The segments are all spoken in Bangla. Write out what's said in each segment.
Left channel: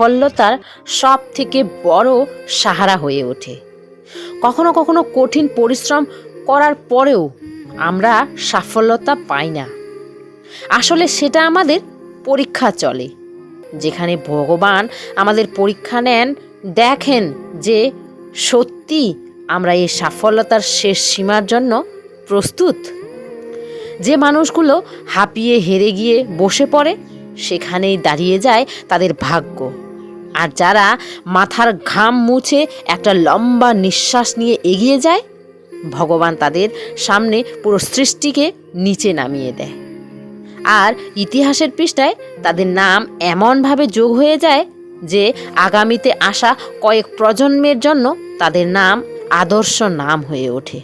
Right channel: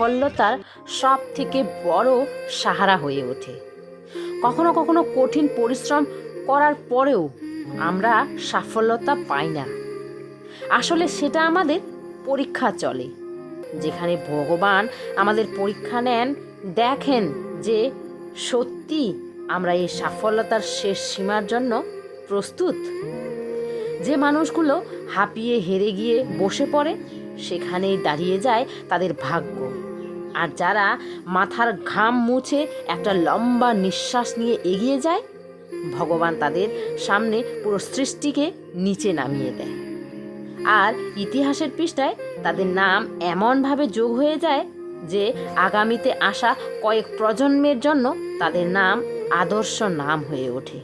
সাফল্যতার সব থেকে বড় সাহারা হয়ে ওঠে। কখনো কখনো কঠিন পরিশ্রম করার পরেও আমরা সাফল্যতা পাই না। আসলে সেটা আমাদের পরীক্ষা চলে। যেখানে ভগবান আমাদের পরীক্ষা নেন, দেখেন যে সত্যি আমরা এই সাফল্যতার শেষ সীমার জন্য প্রস্তুত। যে মানুষগুলো হাঁপিয়ে হেরে গিয়ে বসে পড়ে, সেখানেই দাঁড়িয়ে যায় তাদের ভাগ্য। আর যারা মাথার ঘাম মুছে একটা লম্বা নিঃশ্বাস নিয়ে এগিয়ে যায়, ভগবান তাদের সামনে পুরো সৃষ্টিকে নিচে নামিয়ে দেয়। আর ইতিহাসের পৃষ্ঠায় তাদের নাম এমনভাবে যোগ হয়ে যায় যে আগামীতে আসা কয়েক প্রজন্মের জন্য তাদের নাম আদর্শ নাম হয়ে ওঠে।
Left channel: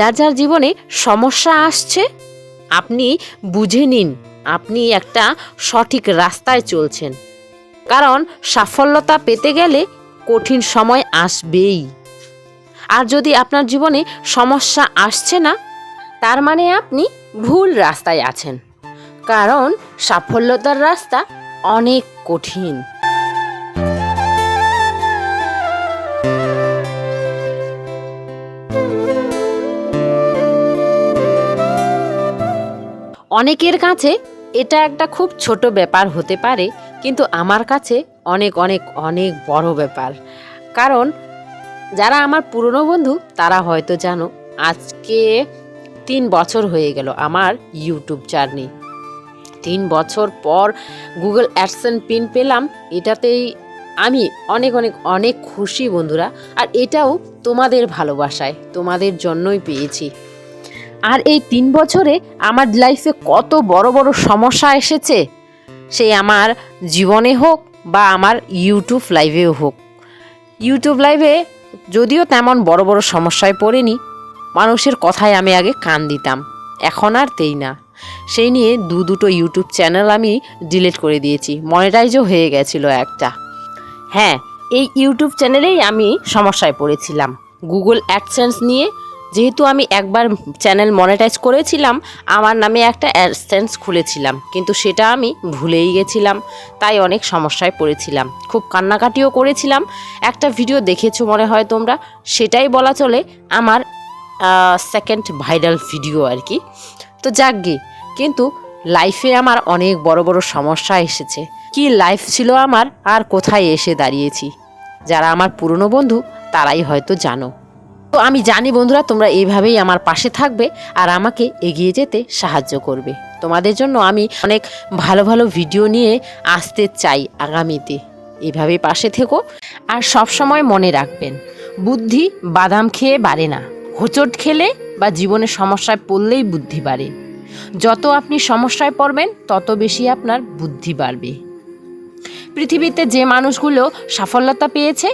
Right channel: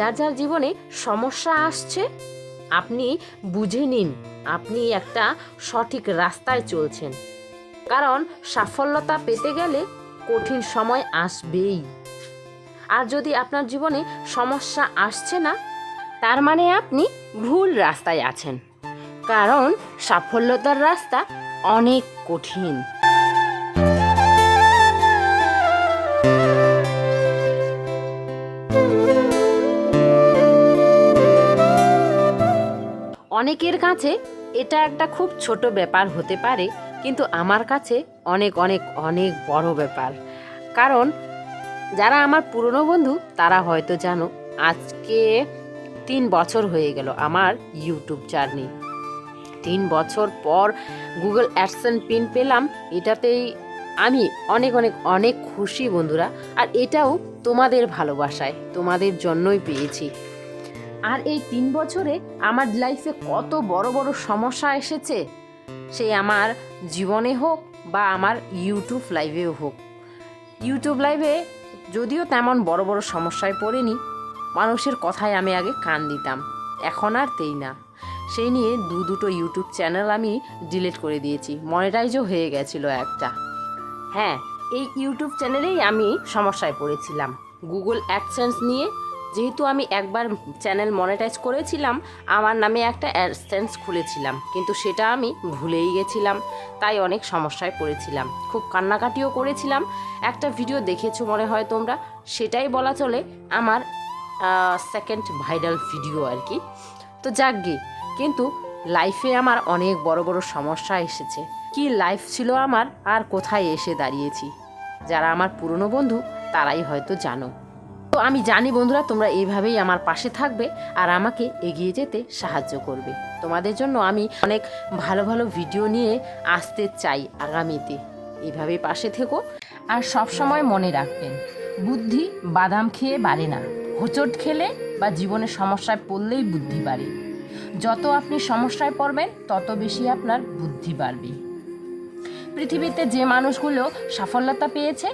যার যার জীবনে সমস্যা আসছে, আপনি বুঝে নিন, আপনি একটা সঠিক রাস্তায় চলছেন। কারণ সাফল্যতা পেতে গেলে কঠিন সময় আসবেই। আর যদি আপনার জীবনে সমস্যা আসছে না, তার মানে আপনি ভুল রাস্তায় আছেন। কারণ সাফল্যতার রাস্তা অনেক কঠিন। অনেকের কাছে এটা একটা খুব ছোট ব্যাপার হতে পারে, কিন্তু আমার কাছে অনেক অনেক অনেক বড় ব্যাপার। কারণ যারা আমার পুরনো বন্ধু, তারা হয়তো জানো, আজকে তিন বছর হয়ে গেল আমার ইউটিউব জার্নি তিন বছর পর গুগল অ্যাডসেন পিন পেলাম, এটাতেই আমি অনেক অনেক অনেক খুশি বন্ধুরা। আর এটাও তোমাদের ভালোবাসায়, তোমাদের জন্যই পেয়েছি। আর এই তিন বছরে আমার লাইফে কত বড় বড় সমস্যা এসেছে সে আমার জীবনে হোক বা আমার ইউটিউব লাইভেও হোক। ইউটিউব লাইভে যদিও তেমন বড় বড় সমস্যায় পড়িনি, মানুষের কথায় আমি আগে কান দিতাম, এখন আর তেই না। সেই নিয়ে দু দুটো ইউটিউব চ্যানেল আমি ডিলিট করে দিয়েছি মনিটাইজও হয়ে গেছিল একটা। হ্যাঁ এই ইউটিউব চ্যানেলেই আমি সমস্যায় পড়েছিলাম। গুগল অ্যাডসেন্স নিয়ে যেহেতু আমি একবার চ্যানেল মনিটাইজ করেছিলাম, আমার নামে একটা অ্যাডসেন্স খুলেছিলাম, কিন্তু সেটা আমি ভুলেই গেছিলাম, তাই অনেক সমস্যায় পড়েছিলাম। খুব কান্নাকাটিও করেছিলাম। একটা ভিডিও দেখেছ মনে হয় তোমরা, সেটাই বলা চলে আমার সেকেন্ড ভাইরাল ভিডিও আর কি। তো যাক যাকগে কিন্তু লাইফে আমার অনেক বড় বড় সমস্যা এসেছে। কি লাইফ ছিল আমার, আর কোথায় এসে দাঁড়িয়েছি? যারা আমার পুরনো বন্ধু, তারাই হয়তো জানো। তো আমি জানি বন্ধুরা তোমরা এইভাবেই আমার পাশে থাকবে আর আমাকে এগিয়ে যেতে সাহায্য করবে। তোমাদের জন্য আমি অনেক ভালো ভালো ভিডিও নিয়ে আসতে চাই আগামীতে। এইভাবেই পাশে থেকো আর সব সময় মনে রাখবেন, বুদ্ধি বাদাম খেয়ে বাড়ে না। হোঁচট খেলে বা জীবনে সমস্যায় পড়লেই বুদ্ধি বাড়ে। যত আপনি সমস্যায় পড়বেন, তত বেশি আপনার বুদ্ধি বাড়বে। পৃথিবীতে যে মানুষগুলো সাফল্যতা পেয়েছে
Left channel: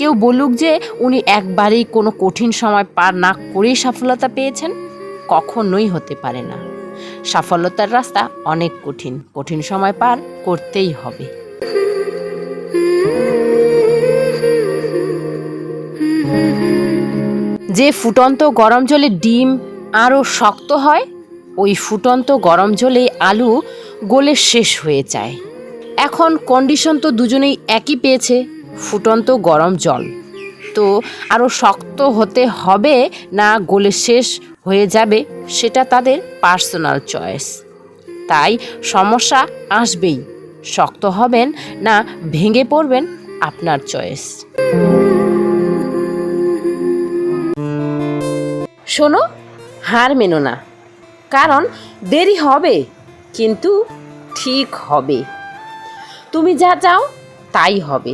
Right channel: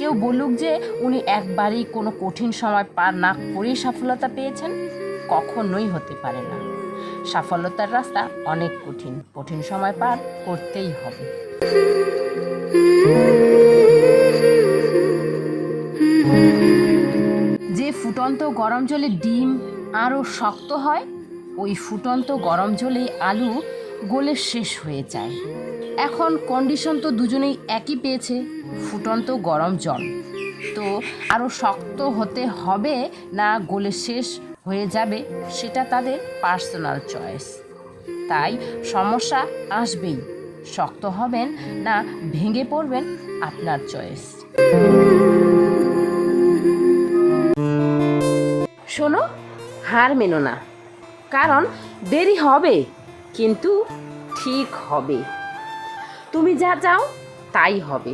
কেউ বলুক যে উনি একবারেই কোনো কঠিন সময় পার না করেই সফলতা পেয়েছেন, কখনোই হতে পারে না। সাফল্যতার রাস্তা অনেক কঠিন কঠিন সময় পার করতেই হবে। যে ফুটন্ত গরম জলে ডিম আরও শক্ত হয়, ওই ফুটন্ত গরম জলে আলু গলে শেষ হয়ে যায়। এখন কন্ডিশন তো দুজনেই একই পেয়েছে। ফুটন্ত গরম জল। তো আরও শক্ত হতে হবে না গলে শেষ হয়ে যাবে, সেটা তাদের পার্সোনাল চয়েস তাই সমস্যা আসবেই। শক্ত হবেন না ভেঙে পড়বেন আপনার চয়েস শোনো, হার মেনো না। কারণ দেরি হবে, কিন্তু ঠিক হবে। তুমি যা চাও তাই হবে।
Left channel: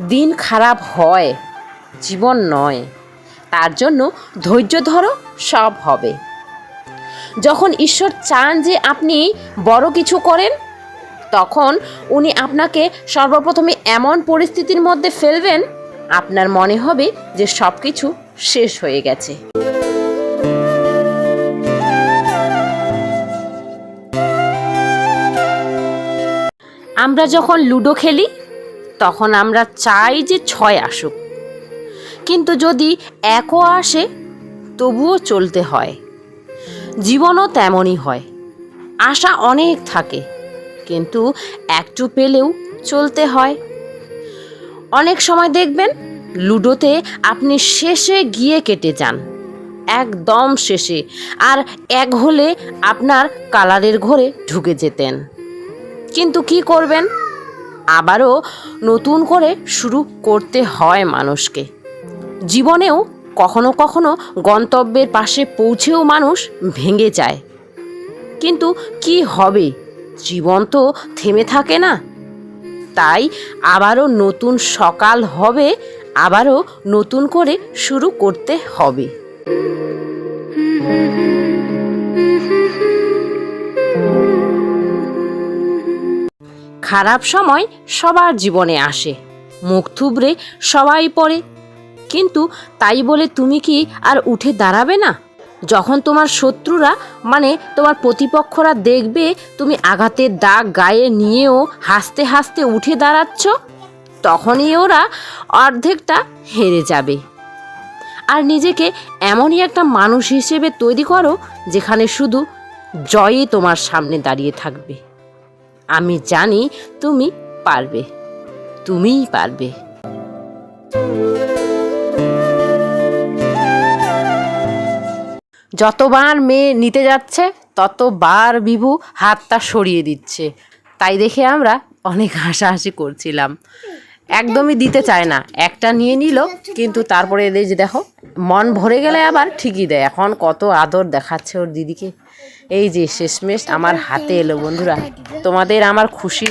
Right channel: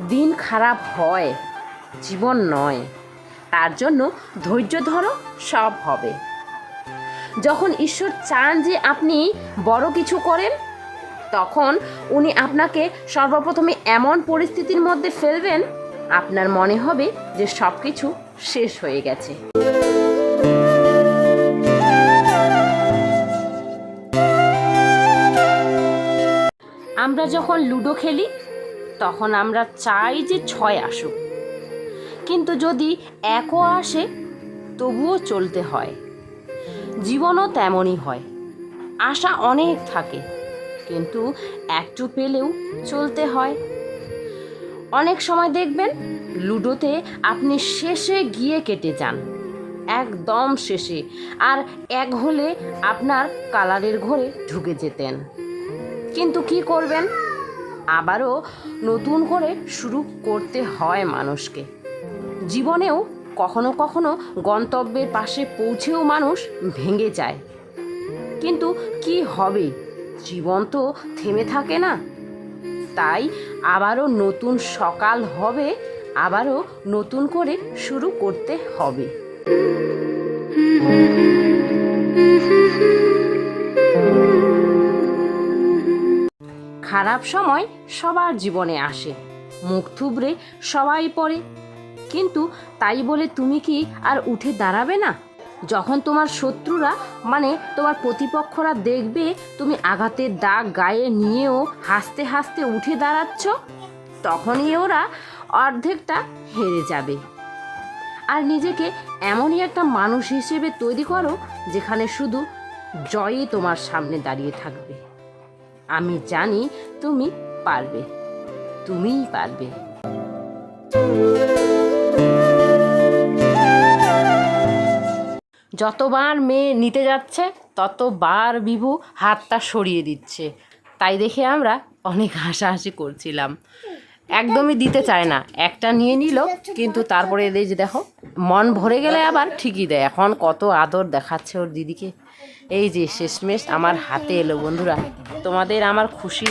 দিন খারাপ হয়, জীবন নয়। তার জন্য ধৈর্য ধরো, সব হবে। যখন ঈশ্বর চান যে আপনি বড় কিছু করেন, তখন উনি আপনাকে সর্বপ্রথমে এমন পরিস্থিতির মধ্যে ফেলবেন, আপনার মনে হবে যে সব কিছু শেষ হয়ে গেছে। আমরা যখন লুডো খেলি তখন আমরা চাই যে ছয় আসুক। কিন্তু যদি একও আসে, তবুও চলতে হয়। জীবনও তেমনই হয়। আশা অনেক থাকে, কিন্তু একটু পেলেও চলতে হয়। অনেক সময় দেখবেন, লুডোতে আপনি শেষে গিয়ে কেটে যান, একদম শেষে, আর এক হলে আপনার কালারের ঘরে ঢুকে যেতেন। কিন্তু কি করবেন? আবারও নতুন করে শুরু করতে হয় মানুষকে। জীবনেও কখনো কখনো গন্তব্যের পাশে পৌঁছেও মানুষ ভেঙে যায়। কিন্তু কি হবে? জীবন তো থেমে থাকে না। তাই আবারও নতুন সকাল হবে, আবারও নতুন করে শুরু করতে হবে। খারাপ সময় সবার জীবনে আসে। মুখ থুবড়ে সবাই পড়ে। কিন্তু তাই বলে তুমি কি আর উঠে দাঁড়াবে না? যখন তোমার শত্রুরা মানে তোমার প্রতিপক্ষরা দেখবে তুমি আঘাতের দাগ গায়ে নিয়েও হাসতে হাসতে উঠে দাঁড়াচ্ছ, তখনই ওরা অর্ধেকটা হেরে যাবে। আর নিজেকে এমনই একটা মানুষ হিসেবে তৈরি করো, যেখানে শুধু জয়ই তোমার সামনে দাঁড়িয়ে থাকবে। আমি জানি তুমি পারবে। তুমিই পারবে। যতবার মেয়ে নিতে যাচ্ছে, ততবার বিভু হাতটা সরিয়ে দিচ্ছে। তাই দেখে আমরা অনেক হাসাহাসি করছিলাম। একদমই দিতে চায় না। একটা নিয়ে নিল, কিন্তু তারপরে এদের যে দেখো, মন ভরে গেলে আবার ঠিকই দেয়। এখন কত আদর দেখাচ্ছে ওর দিদিকে। এই যে শেষমেশ আমার হাতে এলো, বন্ধুরা। তোমাদের আমার খুশি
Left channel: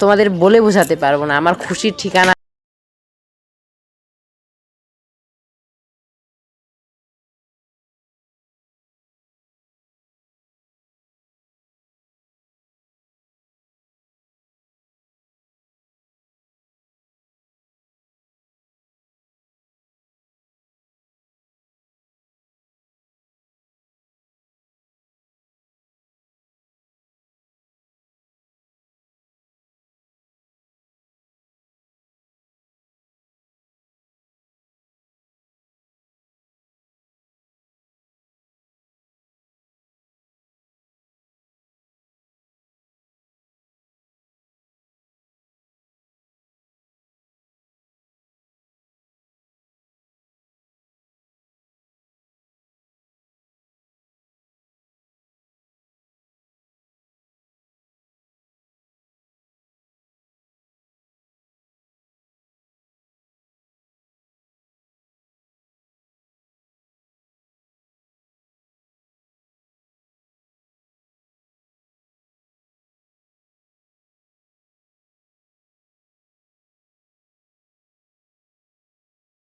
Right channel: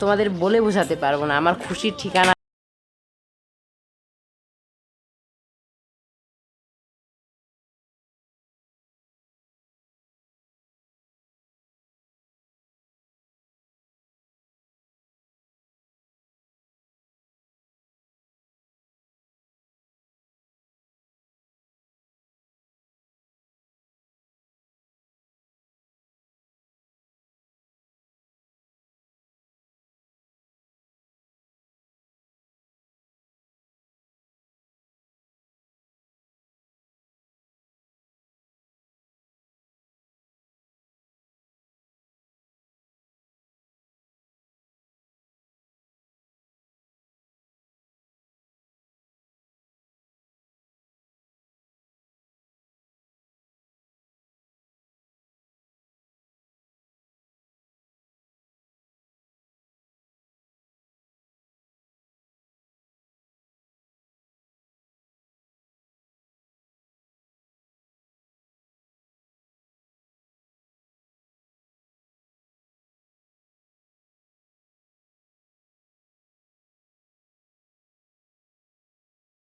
তোমাদের বলে বোঝাতে পারব না। আমার খুশির ঠিকানা